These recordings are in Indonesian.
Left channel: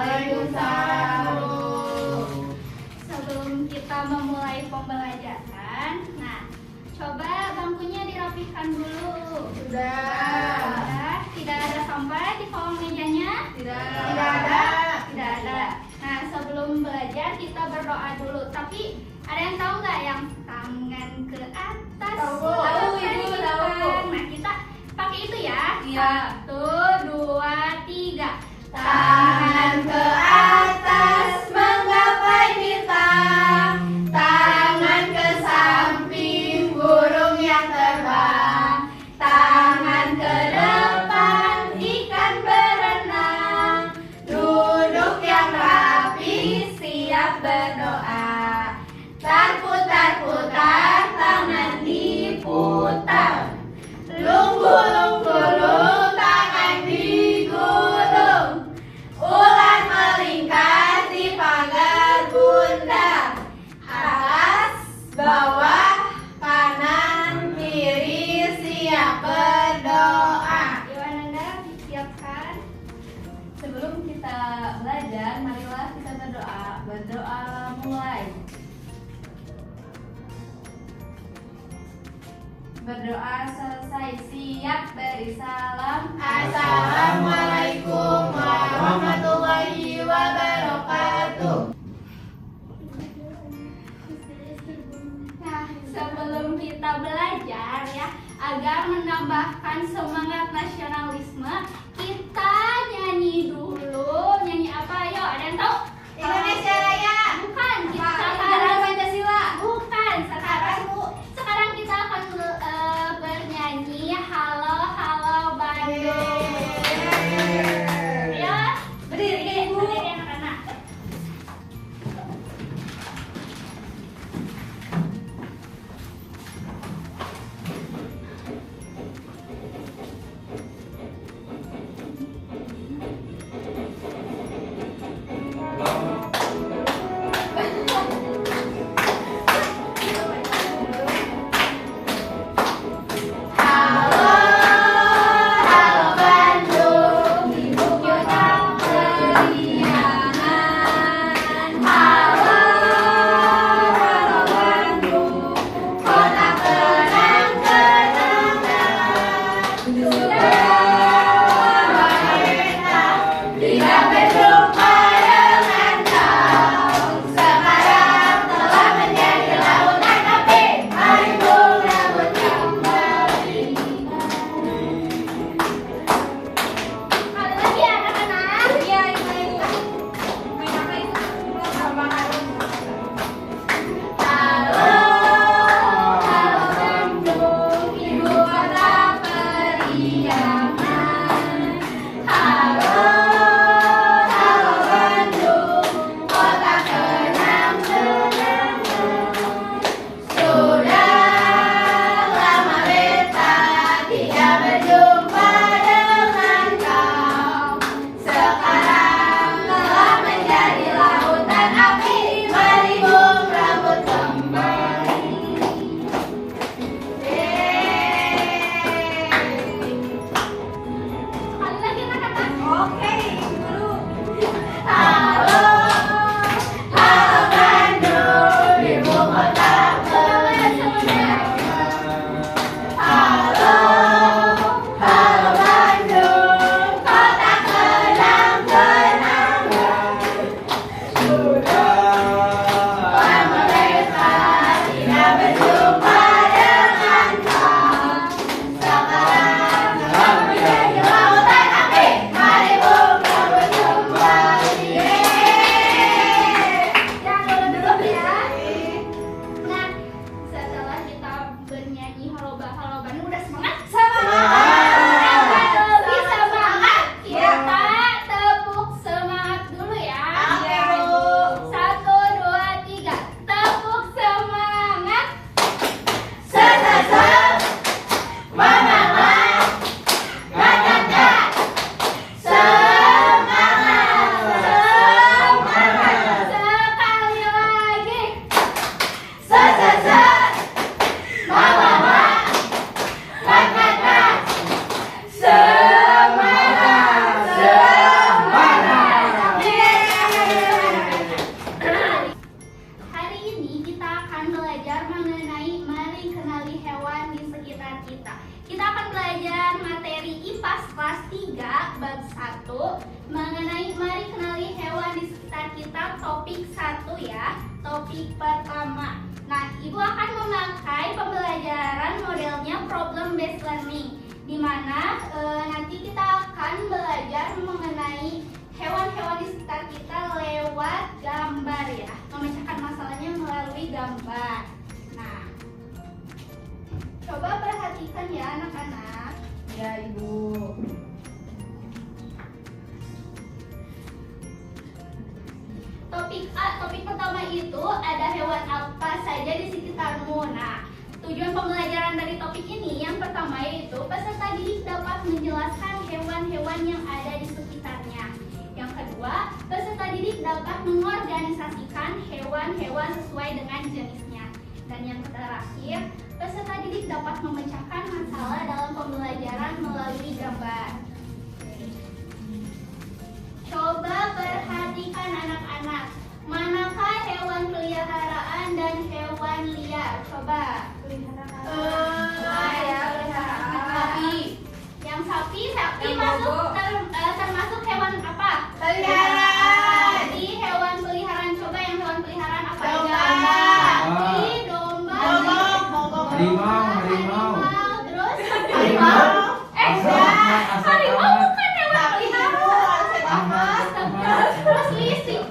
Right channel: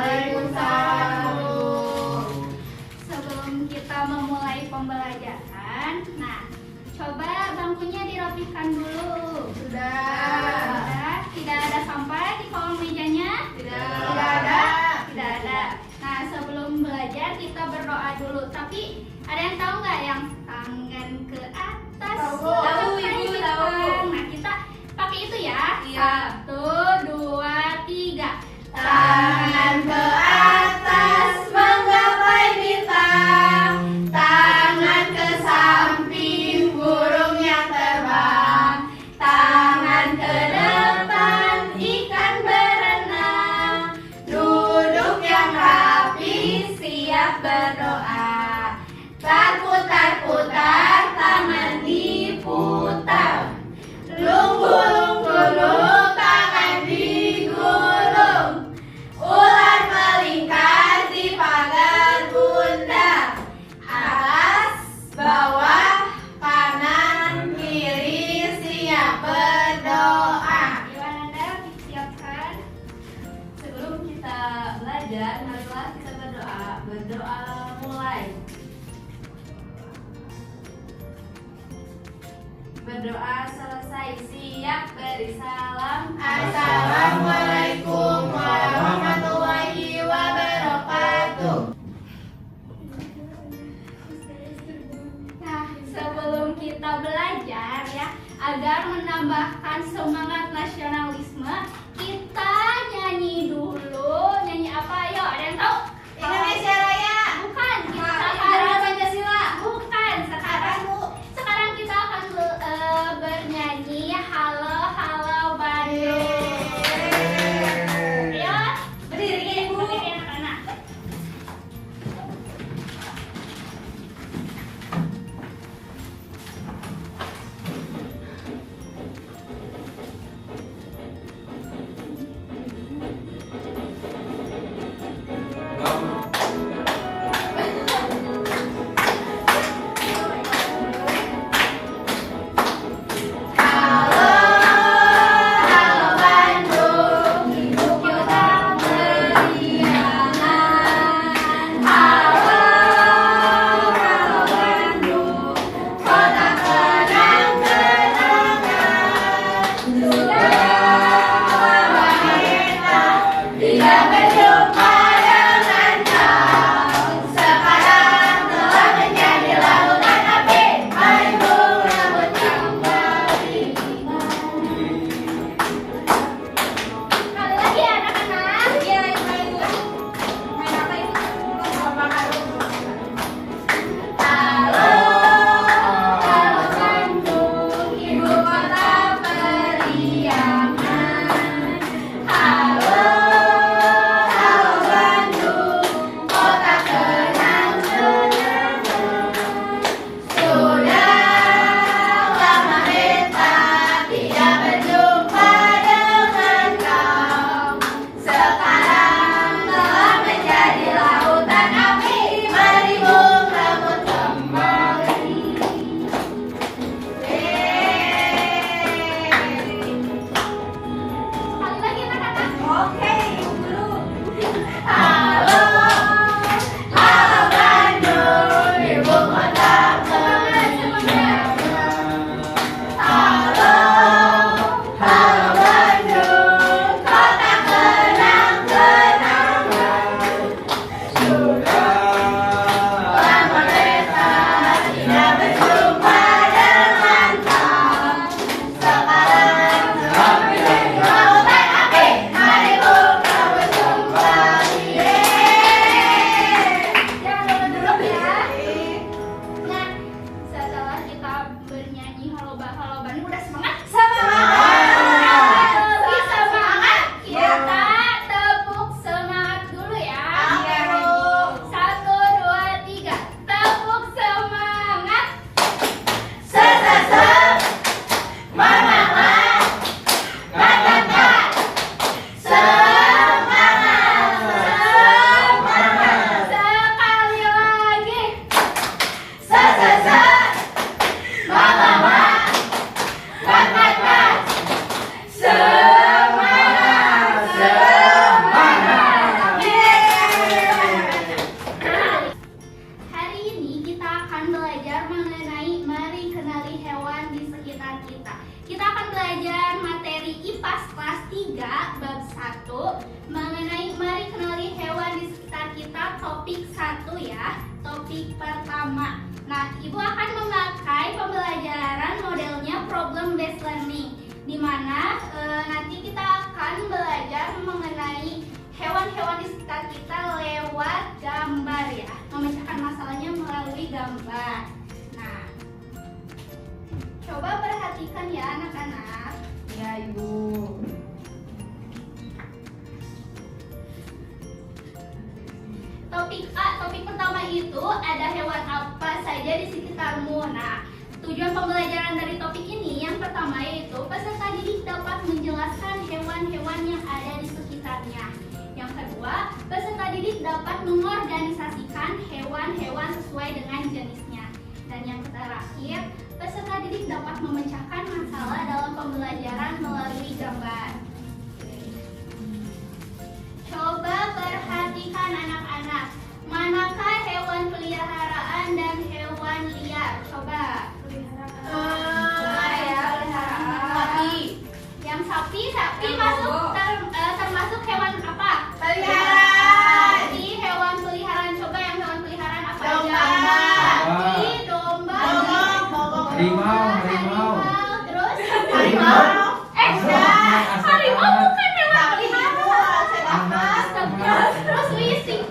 Waalaikumsalam. Sebelum kita memulai pembelajaran, nah, coba bangkunya dirapikan dulu. Sudah. Tidak ada sampah di kolong mejanya? Tidak ada. Tidak ada. Nah, sebelum belajar kita berdoa dulu. Tapi ada yang tahu nggak yang tangan ke atas? Tahu. Tahu, Ibu, Ibu, tahu. Nah, kita pakai itu ya. Iya. 1, 2, 3. Tangan ke atas menggapai bintang, tangan ke samping burung yang terbang, tangan ke depan ikan berenang, duduk yang rapi siap berdoa. Putar-putar tangan diputar, lunggu-lunggu tangan digulung, ular melingkar di pagar bunda, atas, bawah, kanan, kiri siap berdoa. Gimana, disiapkan? Sebelum kita belajar, marilah kita berdoa. Berdoa mulai. Berdoa selesai, siap beri salam. Assalamualaikum warahmatullahi wabarakatuh. Nah, sebelum kita belajar ya, agar menambahkan semangat nasionalisme, kita nyanyi dulu. Nyanyi apa? Ayo, ada yang tahu? Indonesia Raya. Bukan, kita Indonesia sekarang Pancasila. bukan sekarang kita akan bernyanyi Halo Halo Bandung. Ya, topik pertama. Nah, Ibu akan memakai pembelajaran modelnya problem based learning, di mana nanti kita akan belajar mengenai hewan-hewan di sekitar kita lewat gambar ya, memecahkan masalahnya melalui gambar. Nah, coba perhatikan ya anak-anak. Ya, Ibu. Topik pertama itu ada hewan apa saja di sekitarmu. Nah, tujuan pembelajaran dari topik ini yang pertama yaitu peserta didik dapat menjelaskan hewan-hewan yang ada di sekitarnya. Yang kedua, peserta didik dapat mengorganisasikan hewan-hewan sesuai dengan jenisnya. Dan yang terakhir, peserta didik dapat memecahkan masalah dalam pembelajaran melalui gambar. Coba perhatikan anak-anak, manakah hewan peliharaan dan hewan liar? Coba. Sapi. Yang sapi masuk termasuk hewan apa? Peliharaan. Jadi hewan peliharaan, coba yang hewan peliharaan apa Domba. aja? Sapi, domba, Harimau. terus Harimau. harimau bukan hewan peliharaan. Astaga. Terus lising,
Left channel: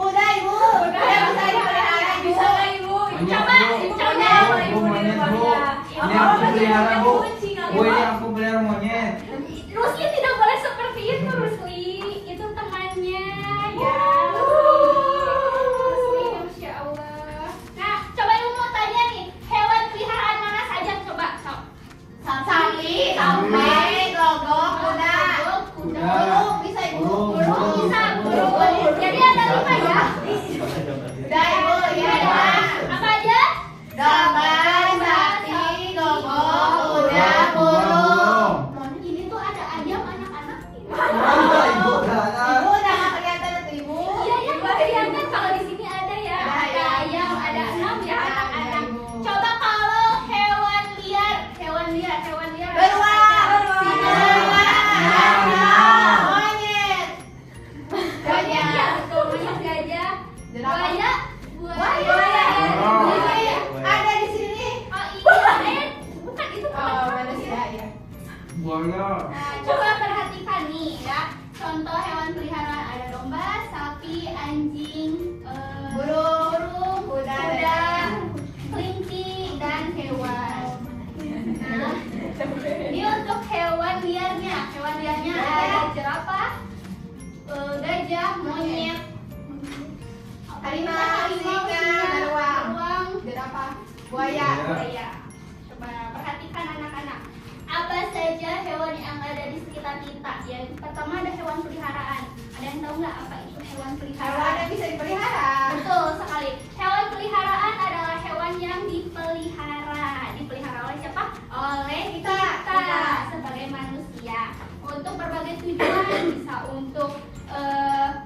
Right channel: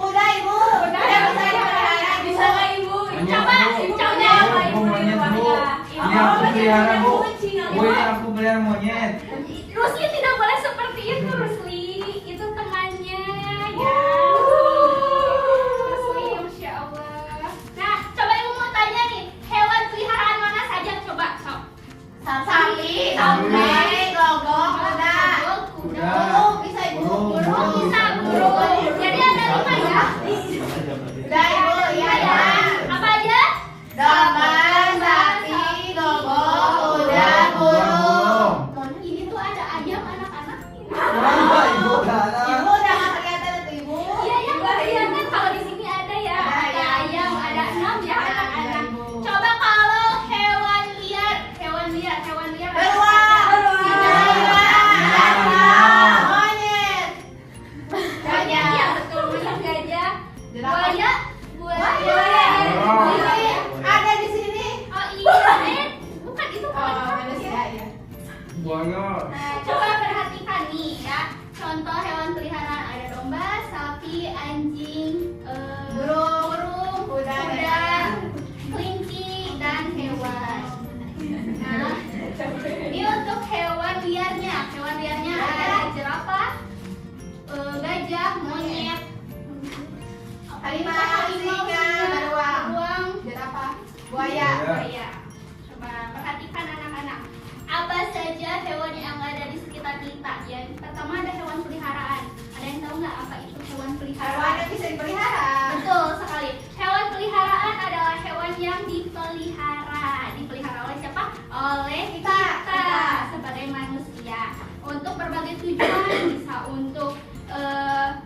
Kuda, Ibu. Kuda yang bisa dipelihara, bisa nggak, Ibu? Coba. Aku pelihara monyet. Rusli tidak boleh seperti itu, Rusli. Itu temannya. Ya. Rusli, Masya Allah. Nah, coba Ibu mau tanya nih, hewan peliharaan mana saja? Coba. Sapi, gogok, kuda. Kuda. Burung, bisa, Ibu. Burung bisa, burung. Jadi ada 5 ya. Udah, Ibu. Iya, ya. Apa aja? Domba, sapi, gogok, kuda, burung. Ini tuh ada ayam anak-anak. Ibu udah nggak kelihatan tuh, Ibu. Iya, yang kelihatan kalau di sini ada ya. Ada Ada ayam. ayam, ada 6 ya Ada anak-anak. Ibu. Coba kalau hewan liar apa Beruang, saja? singa, gajah, monyet, Iya, gajah, betul, monyet, gajah, Jerapah. buaya. Buaya. Ada di sini. Oh iya, bukan itu Oh, bukan. manusia ya. Buaya. Nah, coba perhatikan nih ya. Contoh hewan peliharaan ada domba, sapi, anjing, burung, Kuda, kelinci, dan hewan. Nah, ini untuk hewan liarnya. Hewan liarnya ada jerapah, gajah, monyet, Harimau, singa, beruang, jerapah, buaya. buaya. Coba perhatikan anak-anak. Apa saja hewan yang ada di sekitar kita? Yang pertama ada hewan peliharaan. Ada yang tahu nggak apa itu hewan Hewan peliharaan? yang bisa dipelihara. Betul sekali. Hewan peliharaan adalah hewan yang dipelihara. Dipelihara oleh siapa? Oleh kita sebagai manusia. Untuk berbagai tujuan, bisa untuk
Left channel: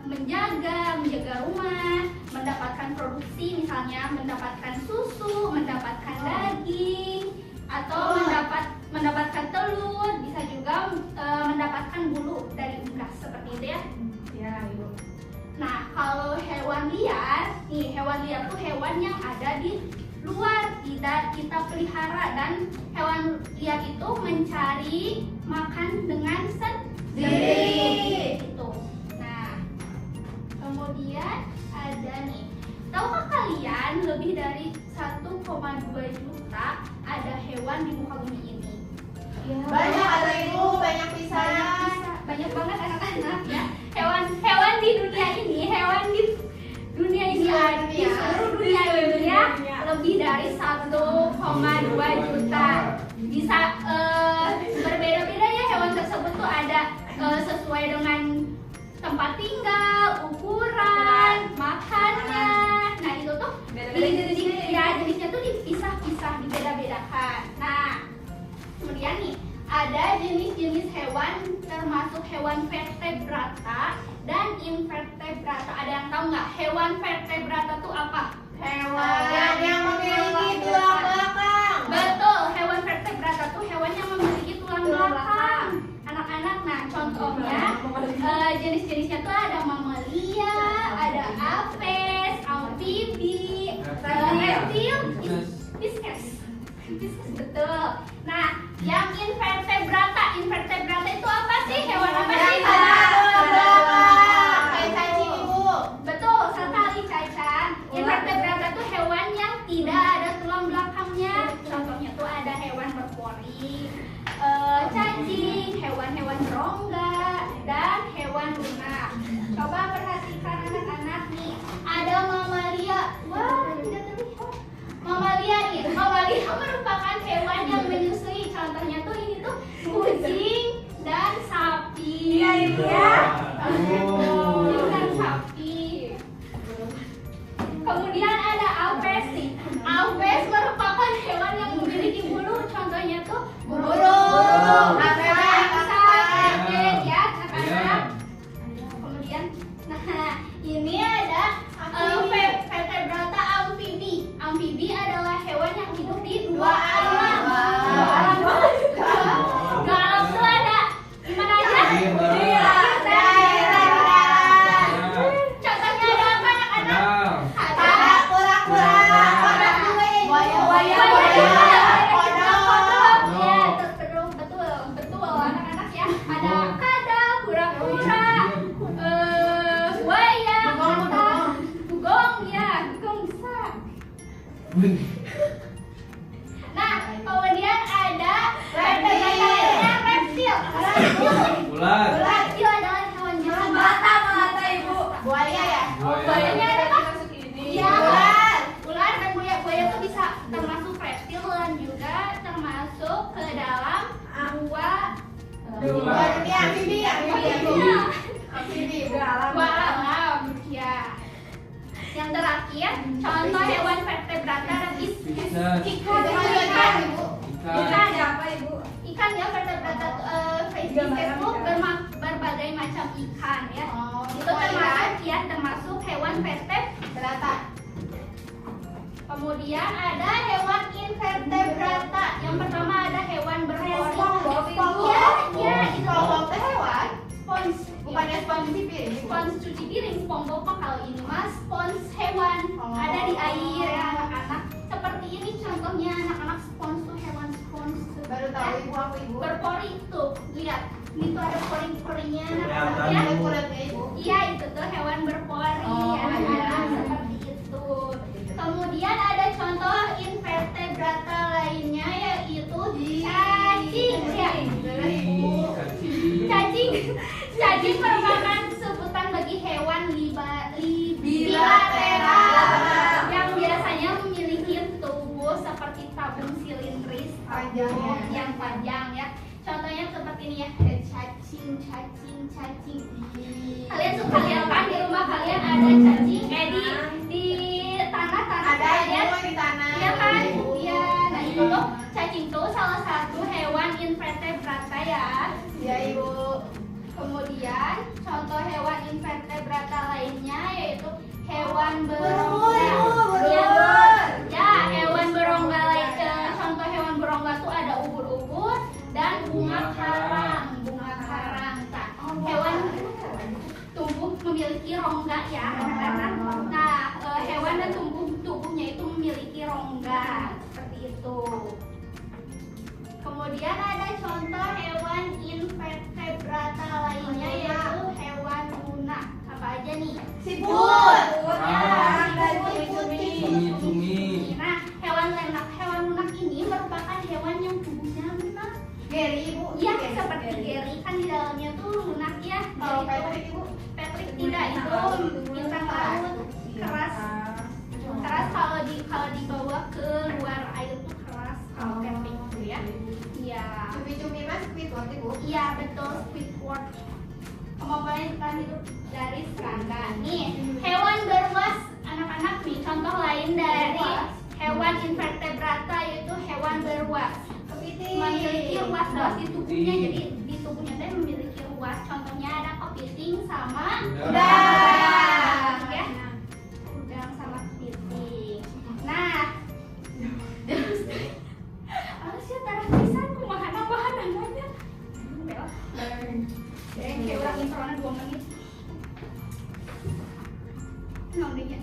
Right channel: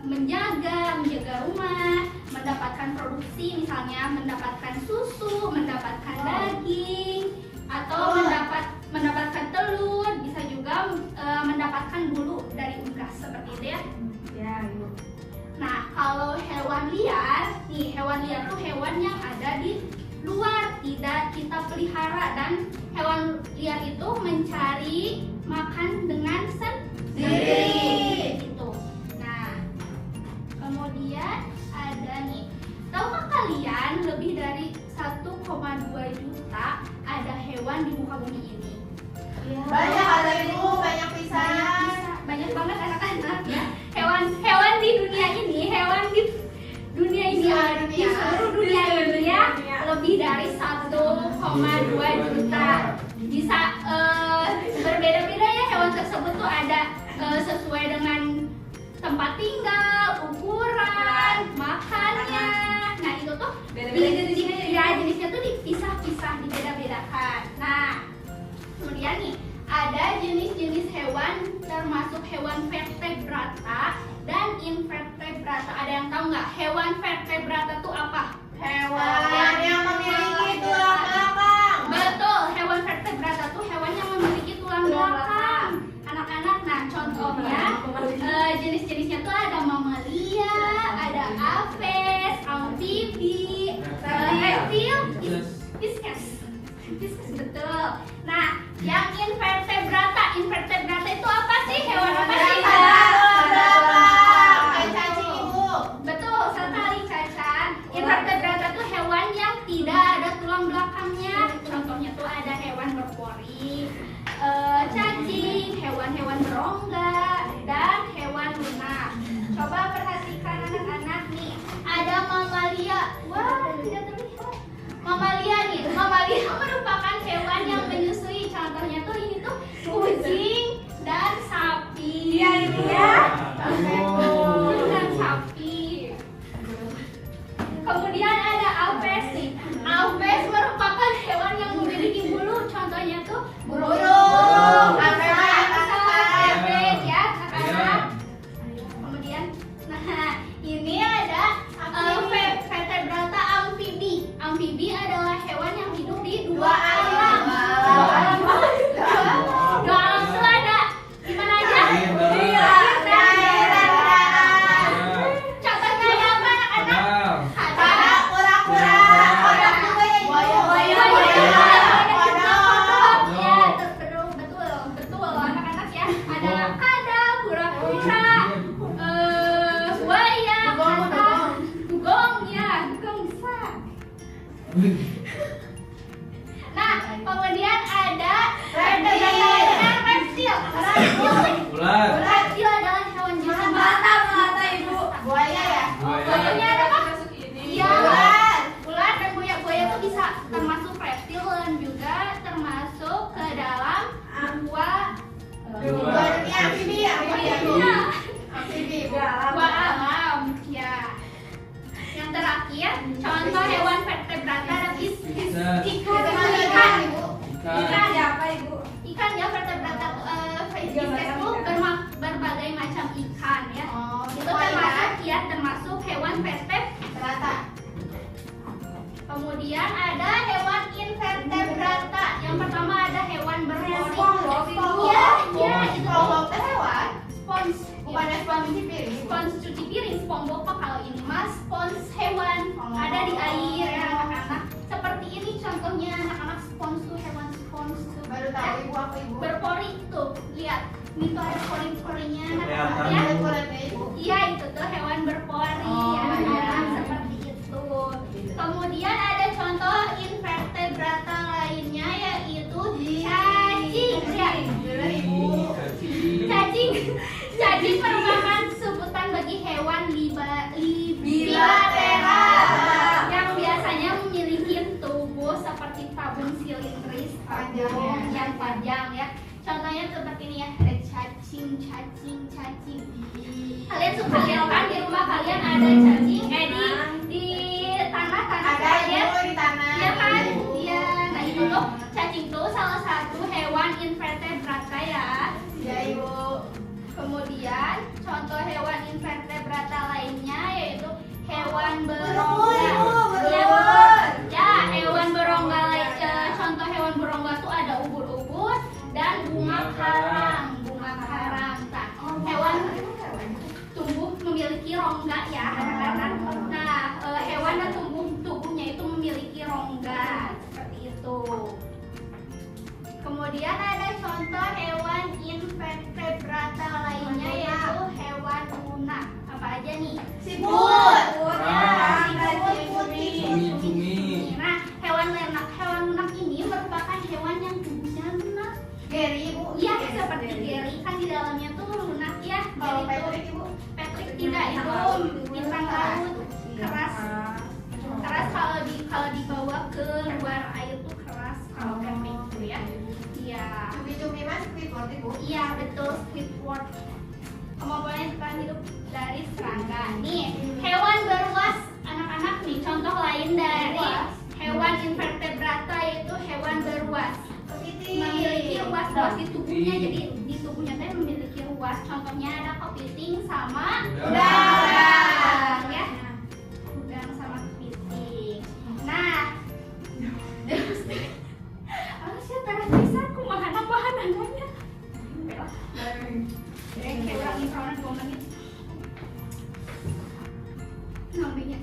menjaga rumah, mendapatkan produksi, misalnya mendapatkan susu, mendapatkan daging, atau mendapatkan telur, bisa juga mendapatkan bulu dari unggas seperti itu ya. Ya, Ibu. Nah, kalau hewan liar, nih hewan liar tuh hewan yang ada di luar, tidak kita pelihara, dan hewan liar itu mencari makan dengan sendiri. Gitu. Nah, kemudian ada nih, tahukah kalian lebih dari 1,2 juta ada hewan di muka bumi ini? Banyak ada, Ibu, banyak pisan. Banyak banget anak-anak ya. Hewan di dunia ini, di seluruh dunia ini ya, lebih dari 1,2 juta. Bisa berbeda-beda ya hewan tersebut tuh ada sesuai dengan tempat tinggal, ukuran, makannya. Nah, itu tuh jenisnya tuh dipisah-pisah, dibeda-bedakan. Nah, kemudian nih ada jenis-jenis hewan termasuk hewan vertebrata dan invertebrata. Ada yang tahu nggak hewan vertebrata itu apa? Hewan yang memiliki tulang belakang. Betul, hewan vertebrata itu hewan yang memiliki tulang belakang. Anak-anak, nah contohnya jenis-jenisnya tuh ada mamalia, aves, amfibi, reptil, fishes. Betul. Nah, yang invertebrata itu apa sih? Hewan apa sih? Kayak cacing ibu. Betul sekali Caca. Invertebrata itu hewan yang tidak ada tulang belakangnya. Contohnya tuh ada hewan berpori, cacing, hewan-hewan berongga, dan hewan lunak. Coba perhatikan anak-anak nih. Ada mamalia. Wah, tidak terlihat. Mamalia nih. Mamalia merupakan hewan yang menyusui. Contohnya tuh ini tuh kucing dan sapi. Iya, Ibu ya. Kucing dan sapi. Kemudian ada aves nih. Aves merupakan hewan yang memiliki bulu. Contohnya tuh Burung. Aves ya, anak-anak. Kemudian, nah ini ada vertebrata amfibi. Amfibi adalah hewan yang hidup di dua alam. Dua alam itu ada di mana aja? Contohnya ada apa anak-anak? Ada Kura-kura. ya, betul anak-anak ya. Ada kadal, kura-kura, buaya, dugong ya, dugong bisa. Nah, kemudian ada vertebrata reptil. Ular. Reptil adalah hewan jahat. Buaya ya? Buayanya ada apa? Iya, Ular. ular dan buaya. Buaya itu bisa termasuk reptil dan juga termasuk ke dalam Dua dunia amfibi ya? Amfibi. dua alam ya. Yang terakhir, contoh hewan vertebrata ada ikan. Ikan. Ikan ya, vertebrata fishes itu berbagai macam ikan ya. Itu termasuk hewan vertebrata. Kemudian ada hewan invertebrata. Yang pertama ada hewan berpori. Iya, itu hewan? spons. Bukannya spons cuci piring? Spons cuci piring, SpongeBob mah kalau ini mas spons hewan ada di air ya anak-anak. Seperti ini contohnya anak-anak, spons tuh hewan spons tuh. Baru tahu ibu, aku ibu. Berpori tuh, lihat ini tuh ada pori-porinya anak-anak Kelihatan, ya. Ada kulitnya ibu. Iya, itu tuh hewan berpori Oh, anak-anak, iya. seperti itu. Kemudian ada contoh invertebrata lainnya yaitu cacing ya. Cacing merupakan sebutan bagi hewan bilateral yang biasanya memiliki tubuh seperti tabung silindris yang panjang ya. Contohnya seperti ini ya, ada cacing. Kalian suka lihat kan di rumah kalian ada cacing? Di tanah Ada kalian? ibu di tanah. Iya kan? Iya. Nah itu tuh cacing tuh salah satu hewan invertebrata ya. Ya ibu. Kemudian contoh hewan invertebrata lainnya yaitu hewan Burung, berongga. burung. Ya, hewan berongga contoh hewan berongga tuh ada ubur-ubur dan bunga karang. Nah, hewan tumbuh memiliki rongga ya anak-anak. Nah, hewan dan tubuhnya itu memiliki rongga seperti itu. Kemudian ada contoh hewan invertebrata lainnya yaitu hewan lunak. Apa aja nih? Siput. Ya, Cumi. Nah, hewan lunak ini merupakan hewan yang tubuhnya lunak. Geri ibu. Iya, seperti Gary kan di dalamnya tuh lunak ya. Kalau Gary Patrick ibu. Patrick tidak, itu bintang laut keras. Kalau dibawa ke luar air tuh keras kalau Patrick itu ya. Iya. Cumi-cumi mas, Squidward ibu. Iya betul, Squidward. Kemampuannya bertahan hidup dari serangga. Nih, hewan beruas anak-anak nih. Contoh lain dari hewan invertebrata yaitu hewan beruas. Memiliki ruas di tubuhnya, jadi di tubuhnya teh memiliki ruas. Contohnya ada kepiting sama udang ya. Udang sama kepiting. Nah, harusnya taruh tulisan kumaha namanya. Kayak orang intronya 2 menit. Nomornya.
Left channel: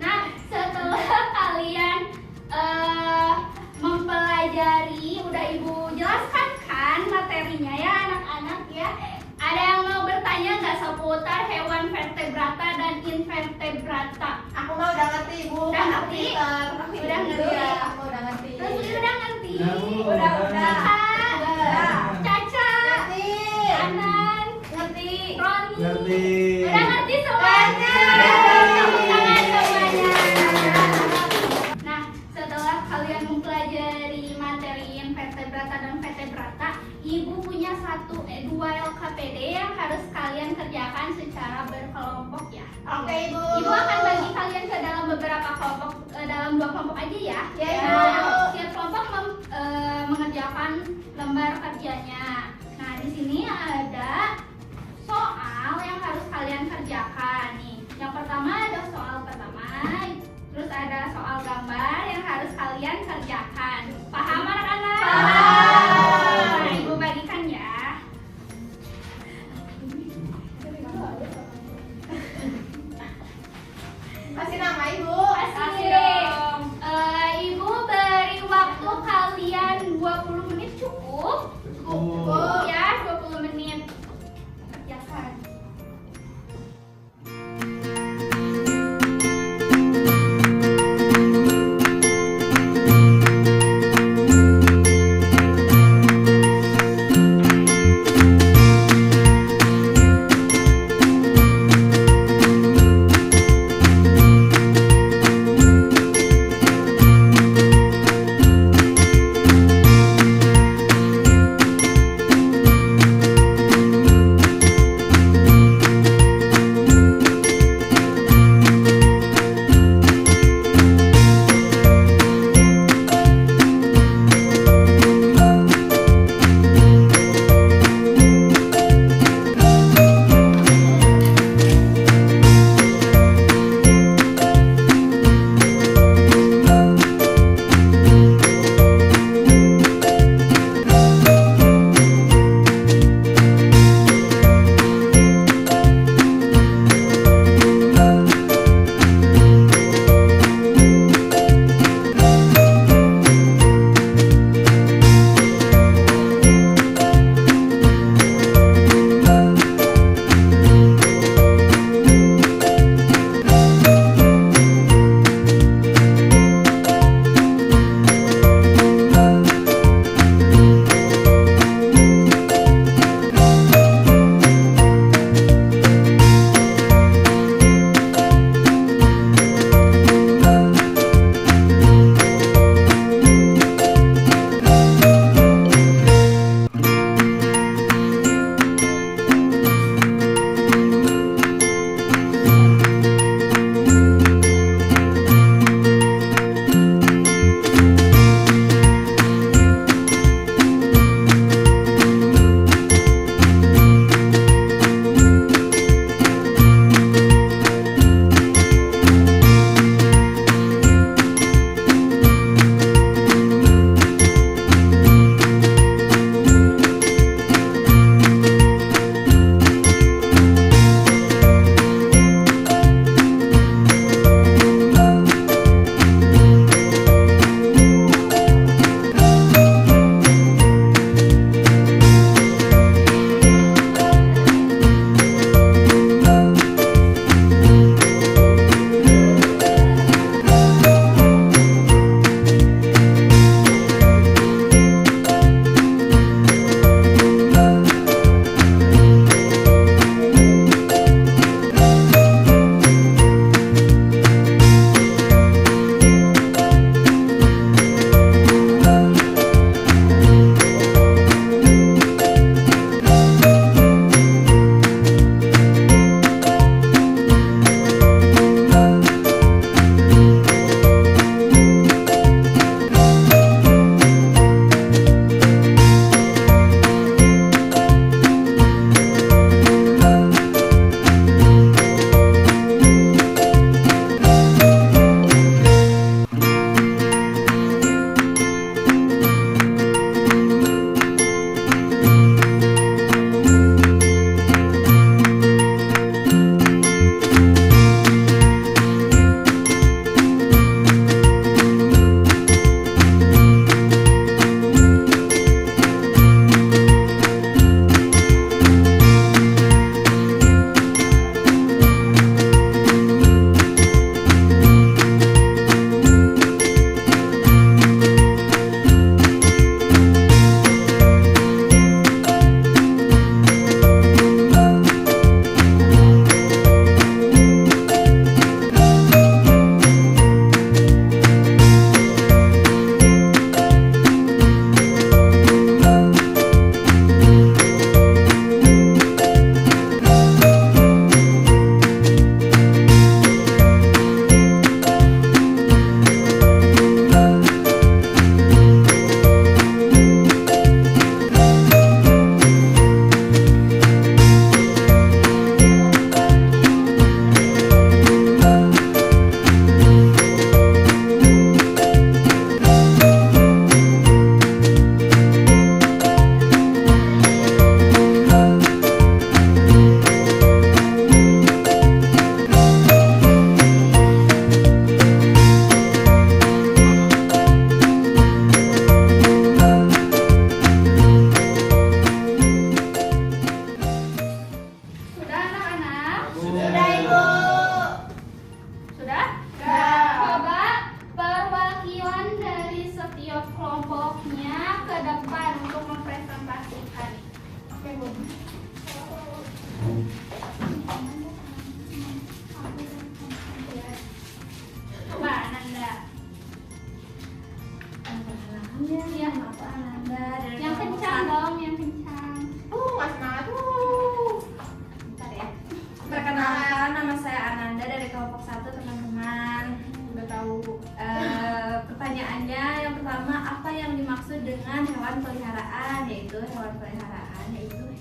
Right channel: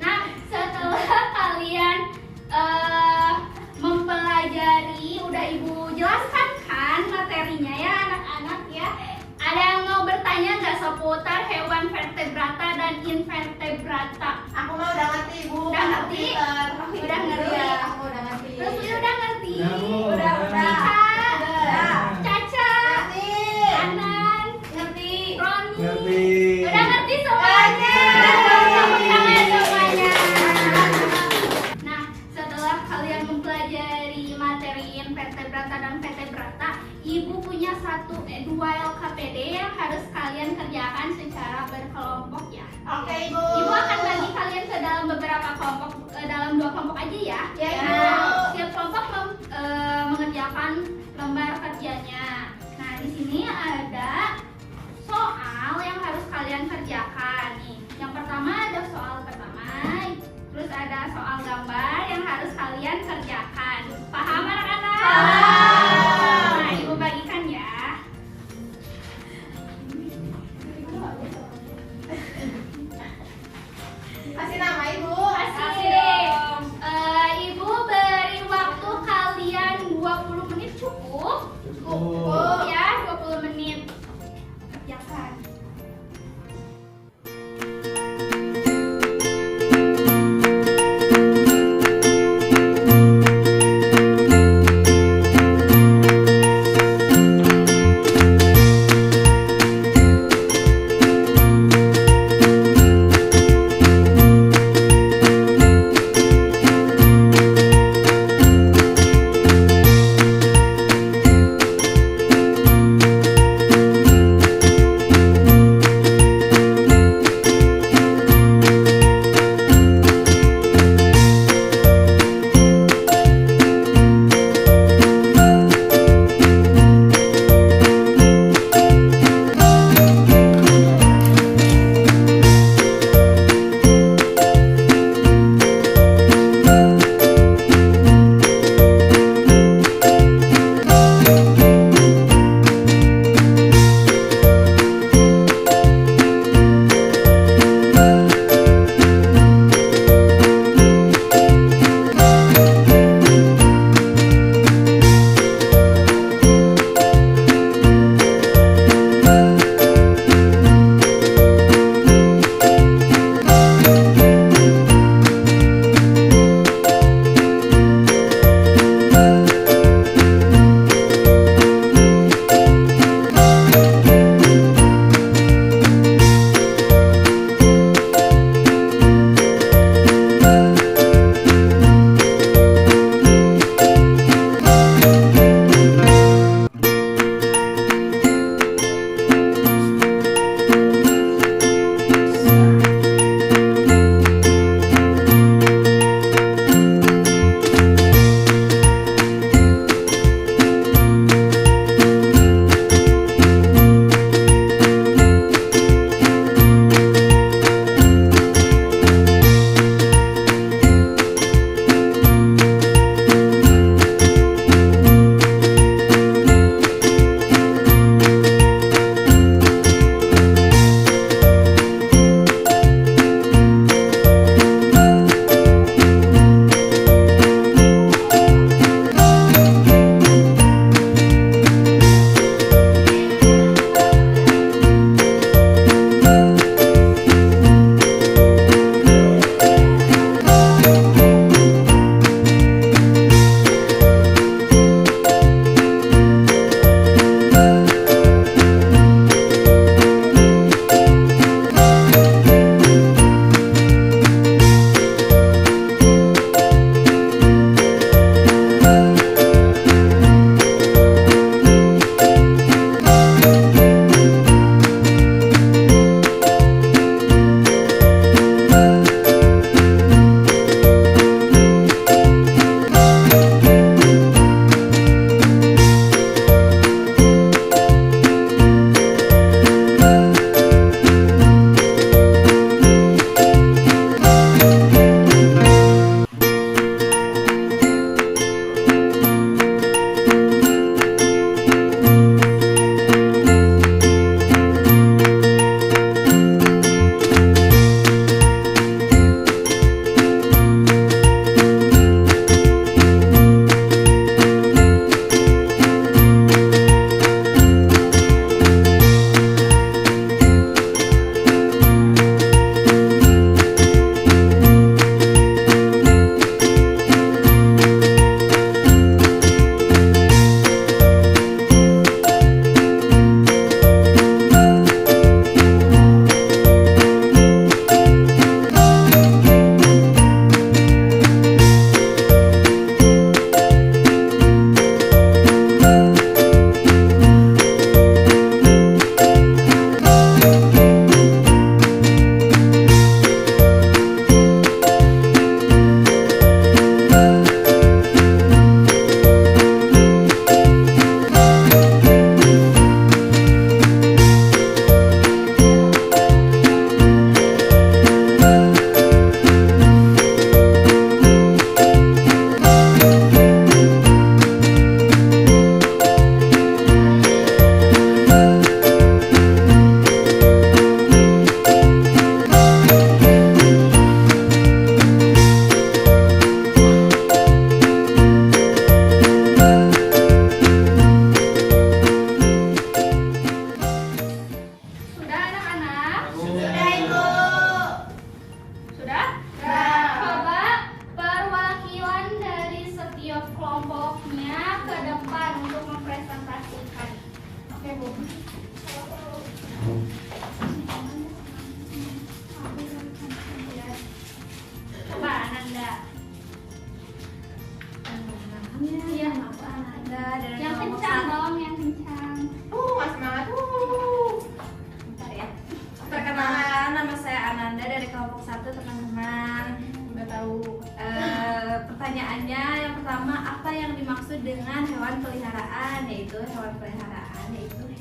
Nah, setelah kalian mempelajari, udah Ibu jelaskan kan materinya ya anak-anak ya. Ada yang mau bertanya nggak seputar hewan vertebrata dan invertebrata? Aku mah udah ngerti, Bu. Udah ngerti? Udah ngerti? Iya, aku udah ngerti. Terus udah ngerti? Udah, Bu. Udah. Caca, Caca, Ngerti. Anan, Ngerti. Roni, Ngerti. udah ngerti semuanya? Tepuk tangan semuanya. Nah, setelah kalian mempelajari materi invertebrata dan vertebrata, Ibu punya dua LKPD yang harus kalian kerjakan secara berkelompok ya. Oke, Ibu. Ibu akan bagi kalian ke dalam beberapa kelompok, dalam 2 kelompok aja ya. Ya, Ibu. Nah, setiap kelompok mengerjakan lembar kerjanya. Nah, di sini ada soal yang harus kalian kerjakan nih. Yang pertama ada soal pertama, terus ada soal gambar yang harus kalian kerjakan. Paham anak-anak? Paham. Nah, Ibu bagikan ya. Kasih nama Ibu. Kasih deh. Ibu beri waktu kalian 20 menit cukup? Cukup. Ya, 20 menit. Kerjakan. hewan peliharaan, yaitu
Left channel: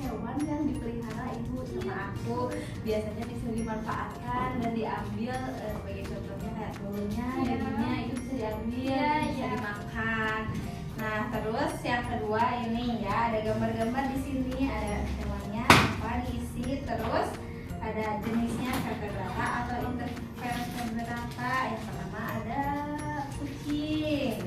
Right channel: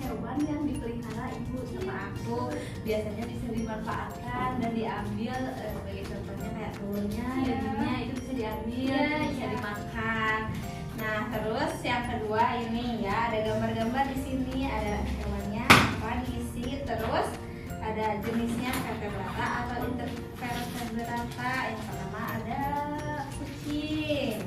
hewan yang dipelihara ibu sama aku. Biasanya bisa dimanfaatkan dan diambil sebagai contohnya kayak telurnya, dagingnya itu bisa diambil, bisa dimakan. Nah, terus yang kedua ini ya, ada gambar-gambar di sini, ada hewannya apa diisi, terus ada jenisnya vertebrata atau intervertebrata. Yang pertama ada kucing.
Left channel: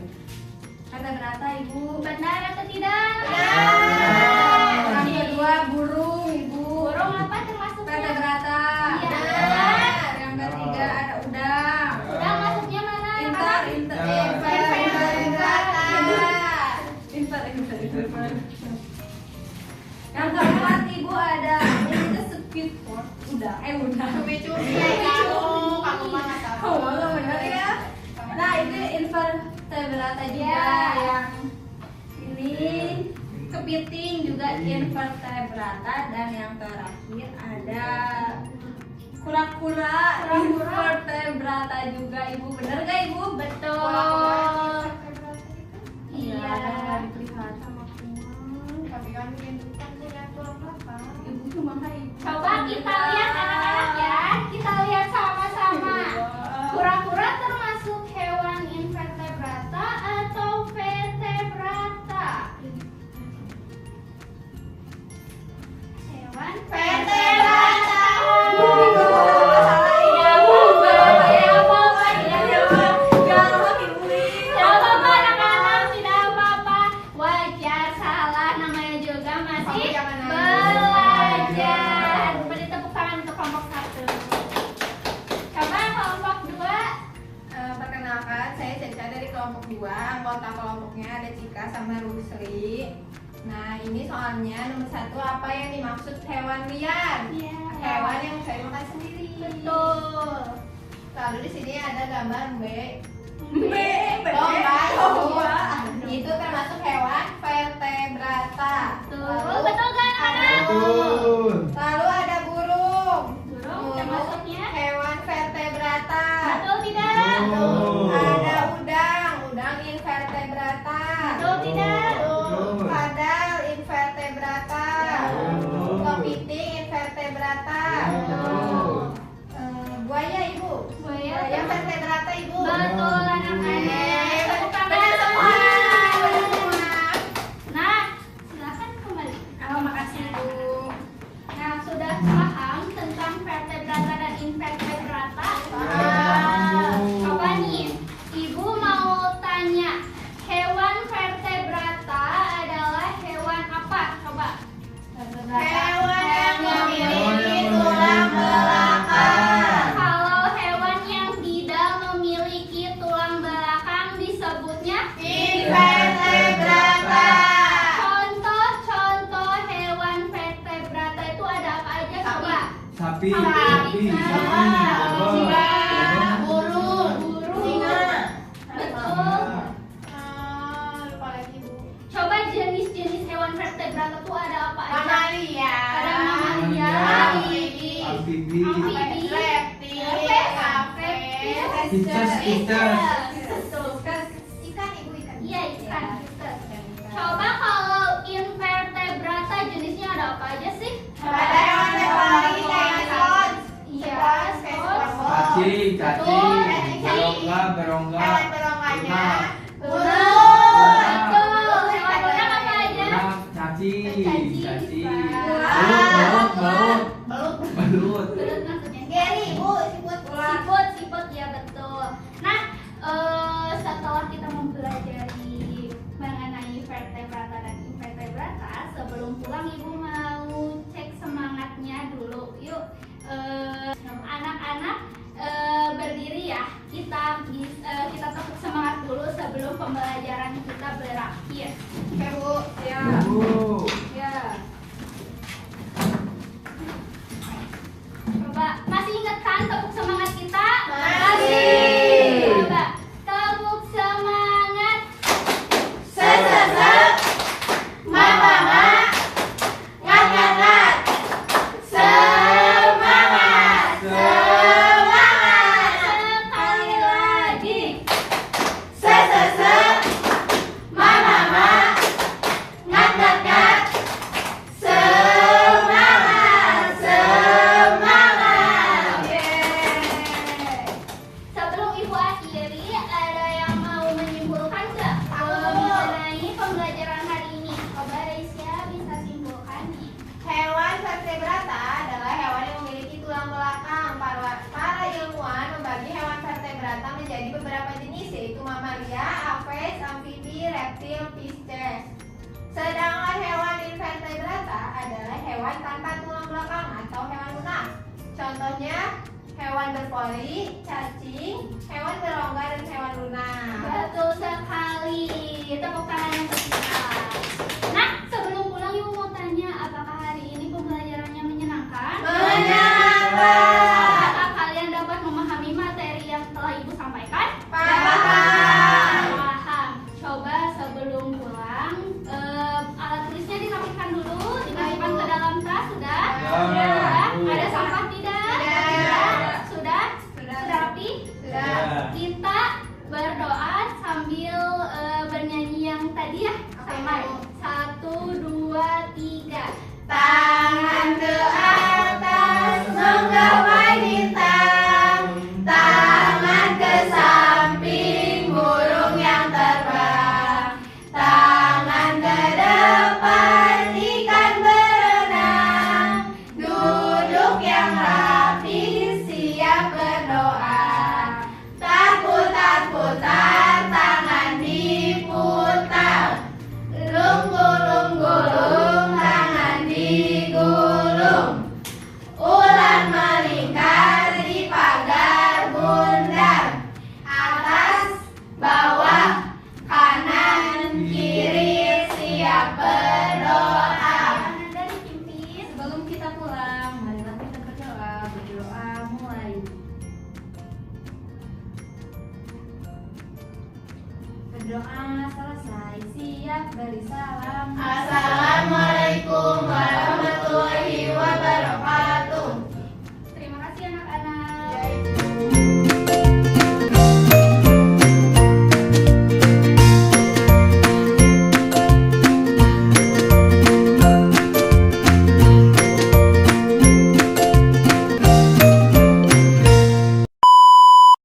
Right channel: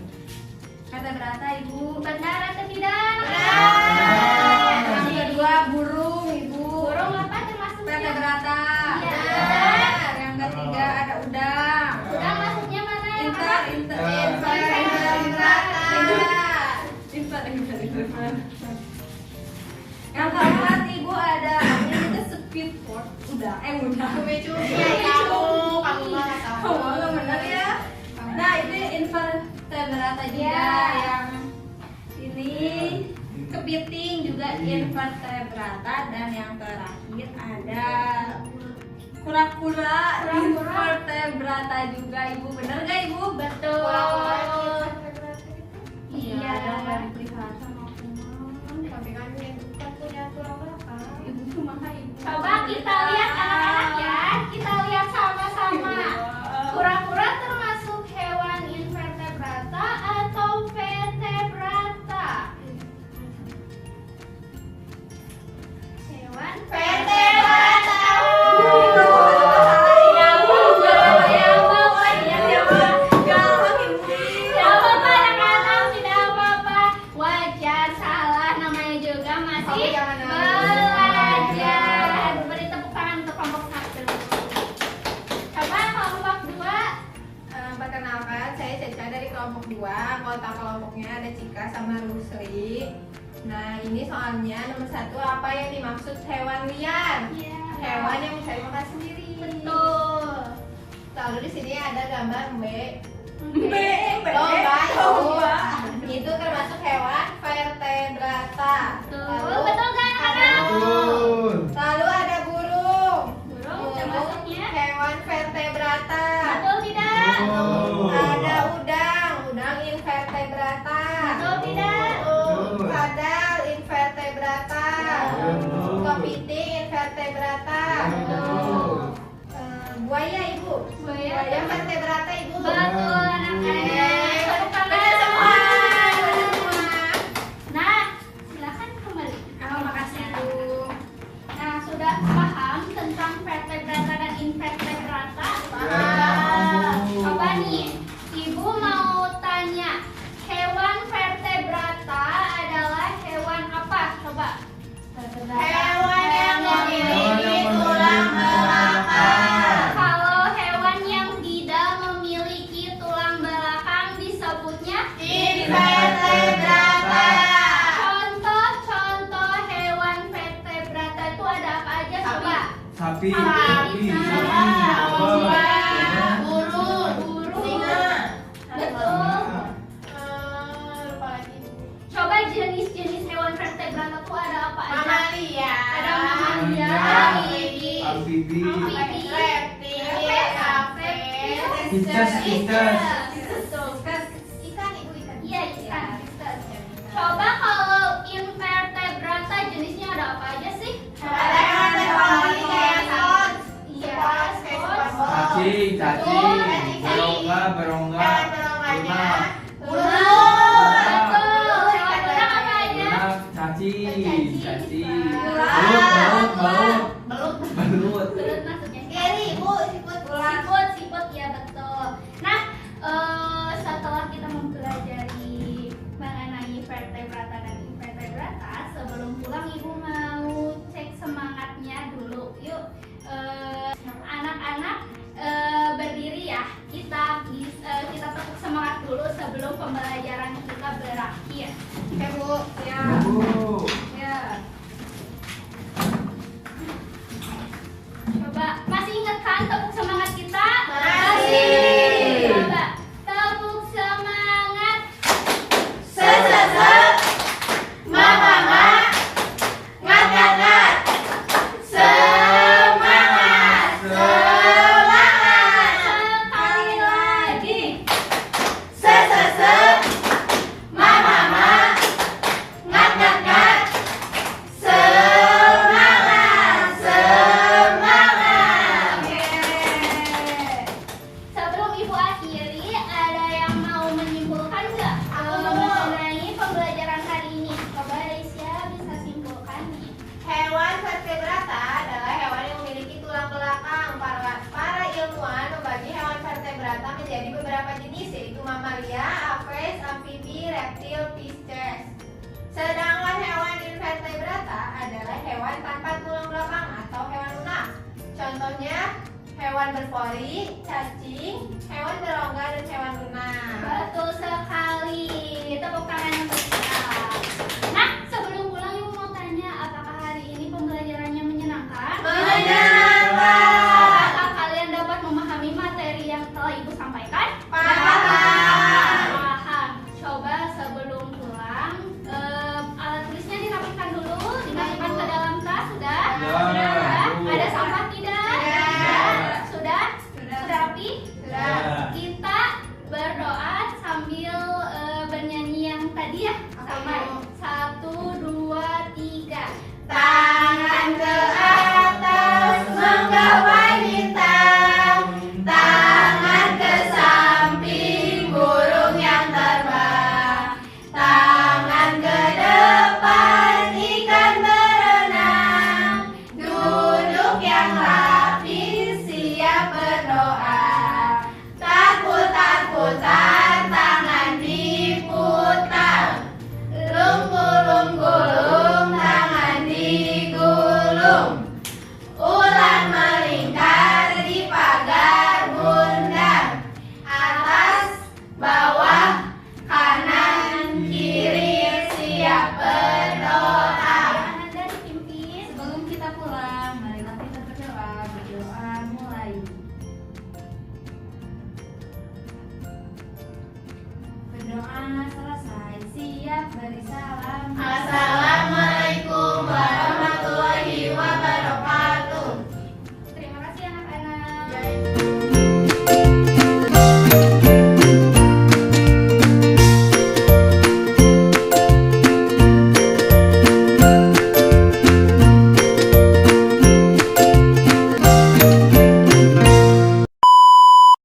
Vertebrata ibu, Benar atau tidak? benar. Yang kedua burung ibu. Burung apa termasuknya? Vertebrata. Iya. Benar. Yang ketiga ada udang. Udang masuknya mana? Yang Yang keempat ibu ada ini tuh speedboat. Udang. Kamu benar ya. Nah ini invertebrata juga yang ini kepiting juga invertebrata, dan yang terakhir ada kura-kura invertebrata juga ibu. Bener gak ibu? Betul. Iya. Iya. Ada dipelihara sama ibu cuma ibu. Coba kita lihat anak-anak ya. Kita lihat sama-sama. Kura-kura termasuk hewan invertebrata atau vertebrata? Hewan Vertebrata. Tidak apa-apa anak-anak, tidak apa-apa. Wajar, salah, namanya juga masih belajar. Beri tepuk tangan untuk kelompok 1. Coba kelompok 2. Perkenalkan, saya Caca dari kelompok 2. Anggota kelompoknya ada Cika sama Rusli. Nah, ini soalnya nomor 1, apa yang dimaksud hewan liar? Iya. Hewan yang bisa dimakan sendiri. Betul. Lalu di sini ada gambar B. Domba. Itu termasuk hewan vertebrata. Betul. Betul kan anak-anak? Betul. Lalu ada burung. Burung termasuknya? Hewan vertebrata. Betul tidak? Betul. Ada udang invertebrata. Betul tidak? Betul. Kadal invertebrata. Betul. Kepiting invertebrata. Betul. Buaya ibu. Buaya vertebrata ibu. Betul anak-anak. Tepuk tangan. Benar semua. Nah, silakan kembali. Makasih ibu. Nah, sudah paham tentang vertebrata dan invertebrata? Coba nih, ibu mau tanya, hewan vertebrata adalah hewan apa? Coba. Hewan yang memiliki tulang belakang. Kalau hewan yang tidak memiliki tulang belakang disebutnya Invertebrata. Contoh-contoh hewan vertebrata itu ada apa aja? Coba. Sapi. Sapi. Coba. Burung. Singa. Betul. Lupa lagi ibu. Coba jenis-jenis hewan vertebrata itu ada apa aja? Mamalia. Ada mamalia, Amfibi. amfibi, Cicak. betul. Ikan ibu ikan. Iya, ikan. Coba kalau invertebrata jenisnya ada apa aja sih? Ada hewan ekologi kayak spons. Iya, Spons. Cacing. Betul. Berongga. Hewan berongkanya. Betul. Hewan udang apa aja? Cacing. Belut. Belut. Belut maksudnya. Geri ibu siput ular. Siput, ya betul. Nah, setelah kita mempelajari mengenai vertebrata dan invertebrata, sebelum pulang ibu mau cek semangatnya dulu. Yuk, anak-anak berdiri ya. Kita tepuk semangat dulu sebelum pembelajaran kita berakhir. Oke bu. Ya. Bu. Ya. Coba, masih ingat kan tepuk semangat kita? Masih. Coba, tepuk semangat. Mama. hewan tanpa tulang belakang atau hewan lunak. Contohnya hewan berpori, cacing, hewan berongga dan hewan lunak. Betul sekali. Tepuk tangan yang